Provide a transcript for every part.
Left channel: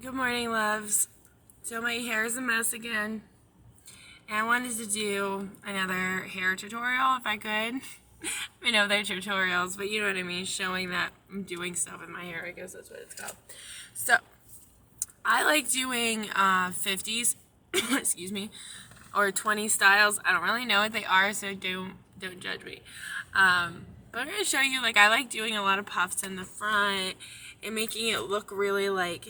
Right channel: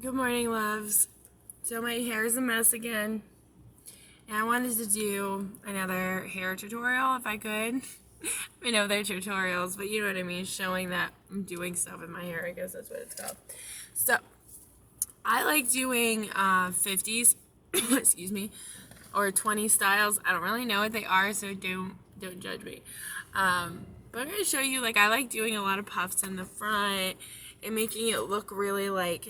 Good morning, loves. So my hair is a mess again, and I wanted to do another hair tutorial if I could. I know they're tutorials, but you know what I mean, showing that I'm doing stuff with my hair. I guess that's what it's called. So I like doing 50s, excuse me, or 20 styles. I don't really know what they are, so don't judge me. But I'm gonna show you, like, I like doing a lot of puffs in the front and making it look really like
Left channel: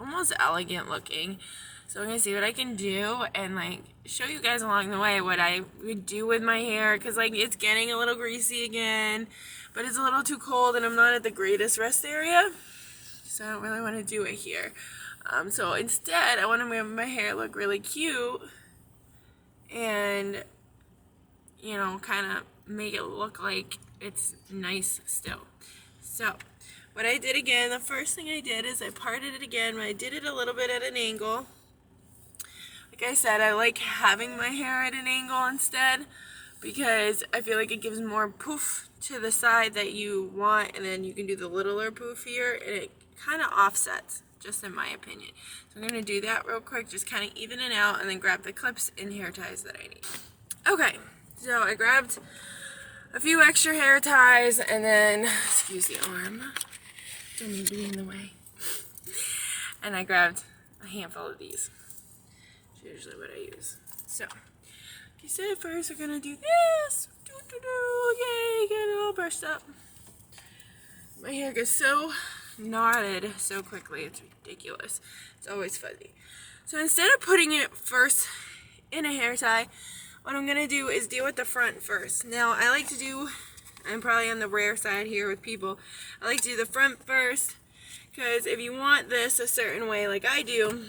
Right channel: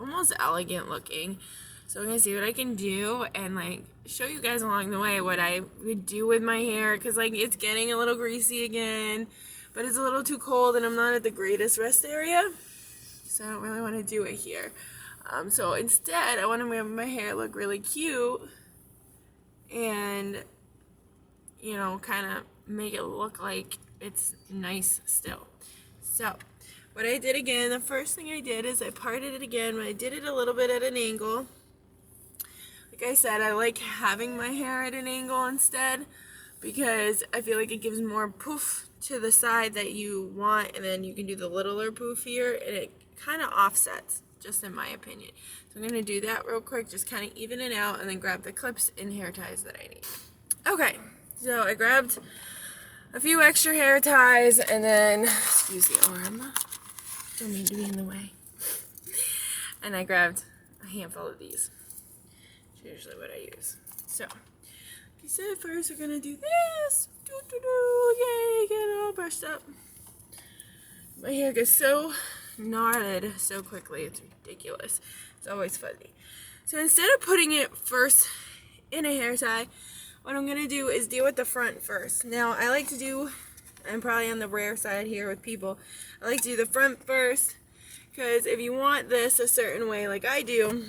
almost elegant looking. So I'm gonna see what I can do and like show you guys along the way what I would do with my hair, because like it's getting a little greasy again, but it's a little too cold and I'm not at the greatest rest area, so I don't really want to do it here. So instead I want to make my hair look really cute and, you know, kind of make it look like it's nice still. So what I did again, the first thing I did is I parted it again, but I did it a little bit at an angle. Like I said, I like having my hair at an angle instead, because I feel like it gives more poof to the side that you want, and then you can do the littler poof here, and it kind of offsets, just in my opinion. So I'm going to do that real quick, just kind of even it out, and then grab the clips and hair ties that I need. Okay, so I grabbed a few extra hair ties, and then, excuse the arm, don't need to be in the way. And I grabbed a handful of these. It's usually what I use. So, like I said, first we're gonna do this. Okay, get it all brushed up. My hair gets so knotted so quickly, it's ridiculous. It's always fuzzy. So instead of putting it first in a hair tie, what I'm gonna do is deal with the front first. Now, I like to do, I'm probably on the rare side here with people, I like to do the front first, because if you want this a certain way like I do,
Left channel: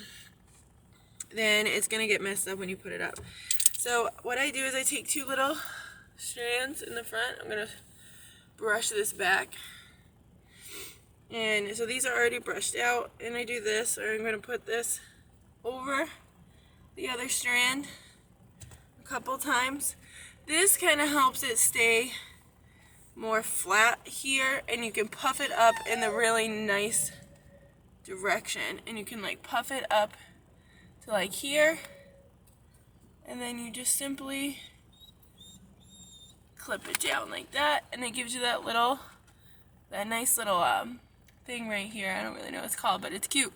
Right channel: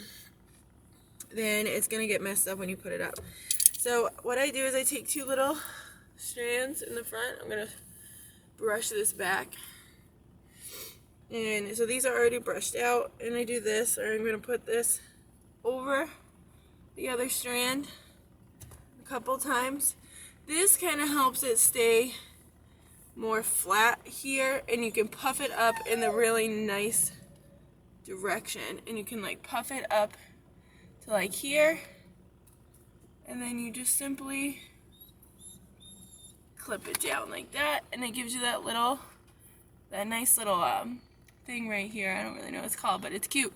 then it's going to get messed up when you put it up. So what I do is I take two little strands in the front. I'm going to brush this back. And so these are already brushed out, and I do this, or I'm going to put this over the other strand a couple times. This kind of helps it stay more flat here, and you can puff it up in the really nice direction, and you can like puff it up to like here, and then you just simply clip it down like that, and it gives you that nice little thing right here. I don't really know what it's called, but it's cute.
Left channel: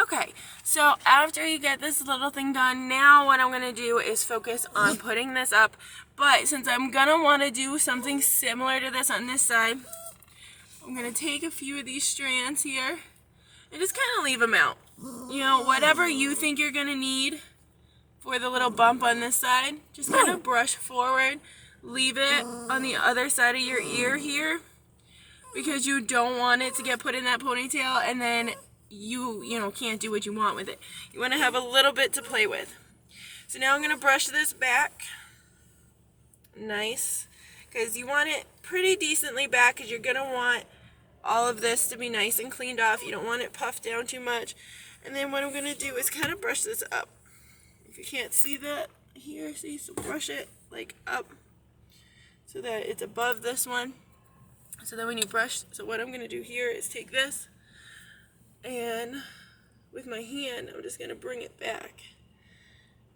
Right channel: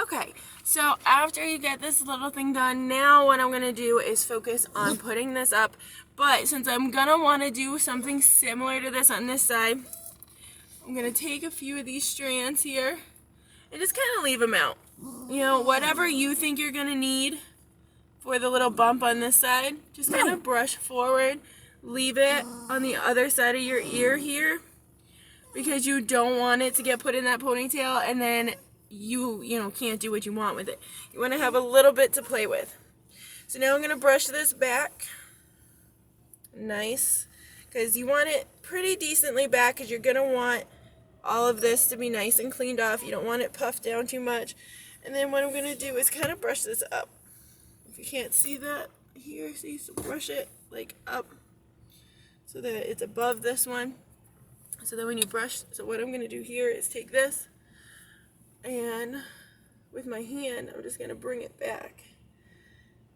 Okay, so after you get this little thing done, now what I'm going to do is focus on putting this up. But since I'm going to want to do something similar to this on this side, I'm going to take a few of these strands here and just kind of leave them out. You know, whatever you think you're going to need for the little bump on this side, just kind of brush forward, leave it on the other side of your ear here, because you don't want it to get put in that ponytail and then you know, can't do what you want with it. You want to have a little bit to play with. So now I'm going to brush this back. Nice. Because you want it pretty decently back, because you're going to want all of this to be nice and cleaned off. You don't want it puffed down too much. And then what I'm going to do is kind of brush this up. If you can't see that here, see, so brush it like up so that it's above this one. So then when you brush, so what I'm going to do here is take this, and with my hand, I'm just going to bring it back.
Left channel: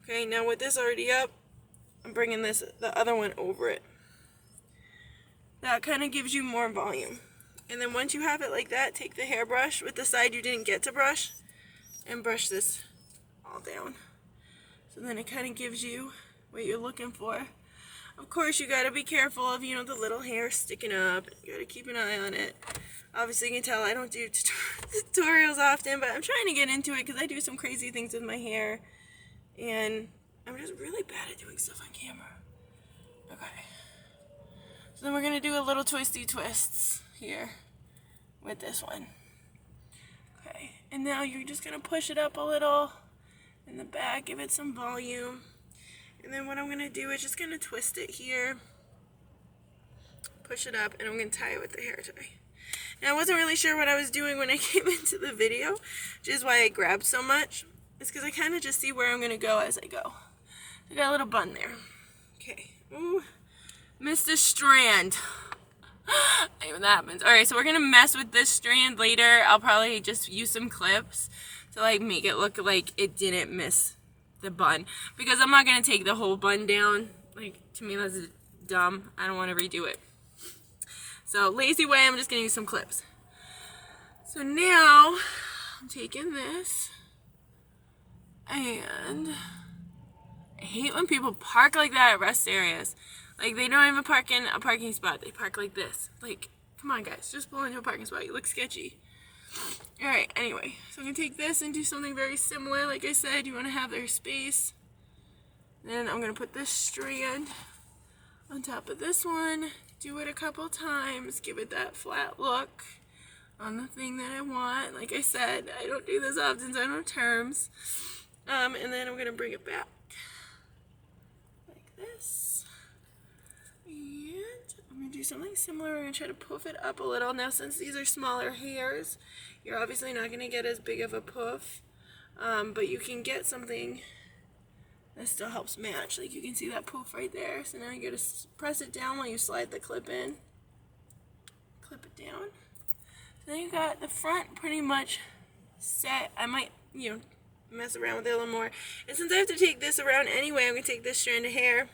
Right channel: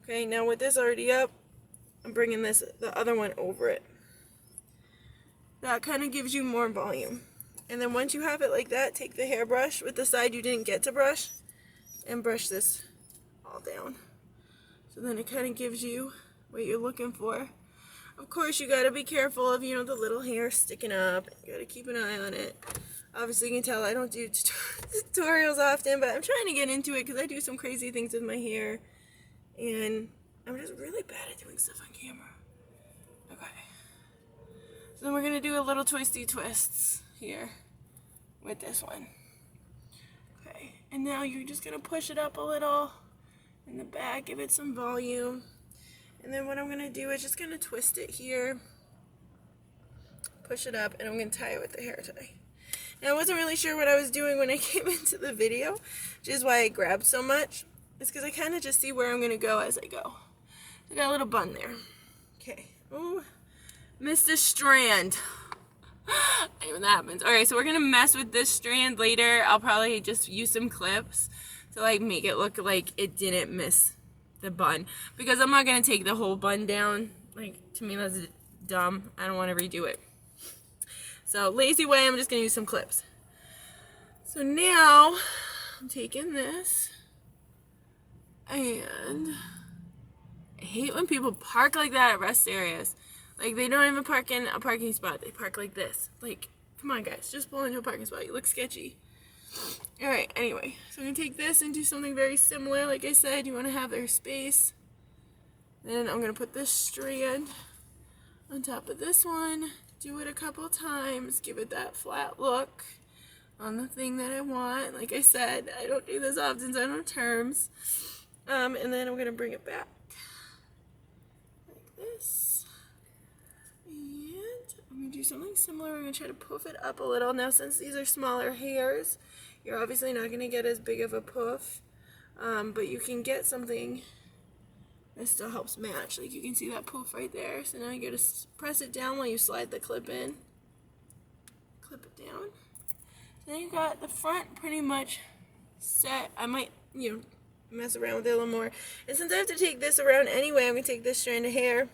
Okay, now with this already up, I'm bringing the other one over it. That kind of gives you more volume. And then once you have it like that, take the hairbrush with the side you didn't get to brush and brush this all down. So then it kind of gives you what you're looking for. Of course, you got to be careful of, you know, the little hair sticking up. You got to keep an eye on it. Obviously, you can tell I don't do tutorials often, but I'm trying to get into it because I do some crazy things with my hair. And I'm just really bad at doing stuff on camera. Okay. So then we're going to do a little twisty twists here with this one. Okay. And now you're just going to push it up a little in the back, give it some volume. And then what I'm going to do is just going to twist it here, push it up, and I'm going to tie it with the hair tie. Now, I wasn't really sure what I was doing when I came into the video, which is why I grabbed so much. It's because I kind of just see where I'm going to go as I go. I got a little bun there. Okay. Ooh, missed a strand. When that happens. Alright, so we're gonna mess with this strand later. I'll probably just use some clips to like make it look like it didn't miss the bun, because I'm not gonna take the whole bun down. Like, to me that's dumb. I don't want to redo it. So lazy way, I'm just gonna use some clips. So now I'm taking this, and I hate when people park like that at rest areas. Like, they don't even park in a parking spot. They park like this. Like, come on, guys. Just pull into a parking spot. You look sketchy. Alright, anyway. So I'm going to take this and do something very similar. Like I said, you want to have their space. Then I'm going to put this strand on top of this one. Do it a couple times. Give it that flat look on the thing that I want. Like I said, I don't do this often, so I don't have terms. And then I'm going to bring it back. Like this. And I'm going to do something similar. I'm going to try to poof it up a little. Now, since these are smaller hairs, you're obviously not going to get as big of a poof. But you can get something that still helps match. Like, you can see that poof right there. So now you got to press it down while you slide the clip in. Clip it down. So then you got the front pretty much set. I might, mess around with it a little more. And since I have to take this around anyway, I'm going to take this strand of hair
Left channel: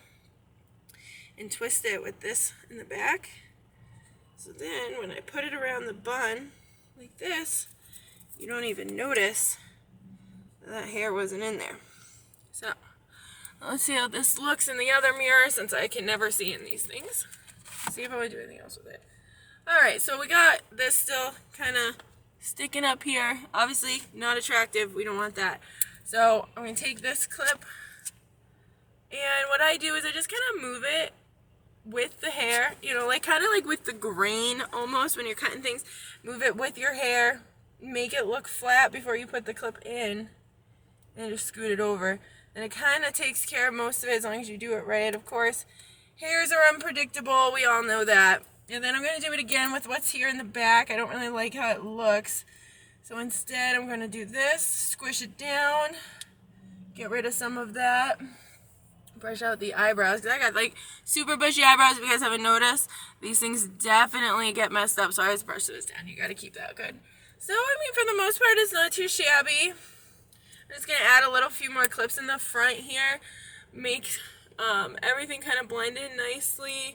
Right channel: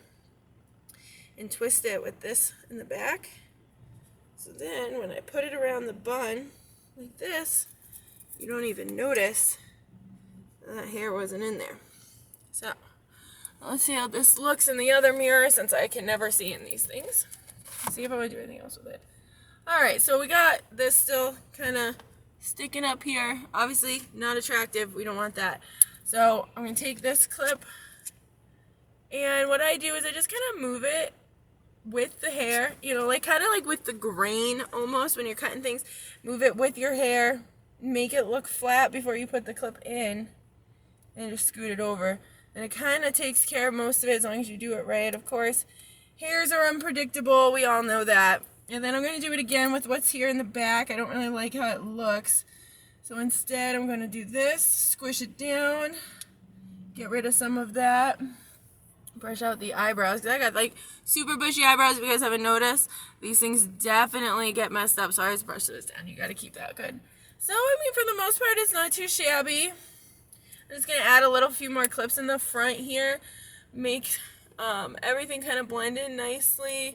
and twist it with this in the back. So then when I put it around the bun like this, you don't even notice that hair wasn't in there. So let's see how this looks in the other mirror, since I can never see in these things. Let's see if I want to do anything else with it. Alright, so we got this still kind of sticking up here. Obviously not attractive. We don't want that. So I'm going to take this clip, and what I do is I just kind of move it with the hair, like kind of like with the grain almost when you're cutting things. Move it with your hair, make it look flat before you put the clip in, and just scoot it over. And it kind of takes care of most of it as long as you do it right. Of course, hairs are unpredictable. We all know that. And then I'm going to do it again with what's here in the back. I don't really like how it looks. So instead, I'm going to do this, squish it down, get rid of some of that. Brush out the eyebrows, because I got like super bushy eyebrows. If you guys haven't noticed, these things definitely get messed up. So I just brush this down. You got to keep that good. So I mean, for the most part, it's not too shabby. I'm just gonna add a few more clips in the front here, make everything kind of blend in nicely.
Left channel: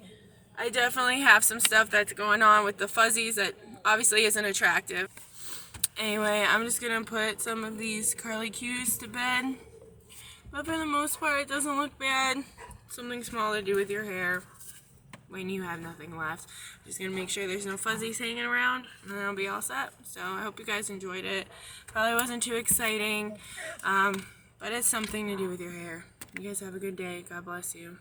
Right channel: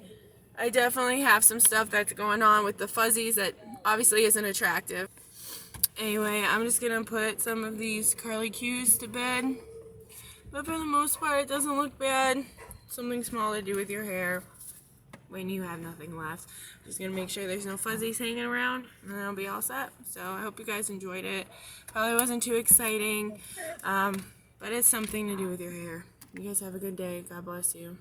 I definitely have some stuff that's going on with the fuzzies that obviously isn't attractive. Anyway, I'm just gonna put some of these curly cues to bed. But for the most part, it doesn't look bad. Something small to do with your hair when you have nothing left. Just gonna make sure there's no fuzzies hanging around, and then I'll be all set. So I hope you guys enjoyed it. Probably wasn't too exciting, but it's something to do with your hair. You guys have a good day. God bless you.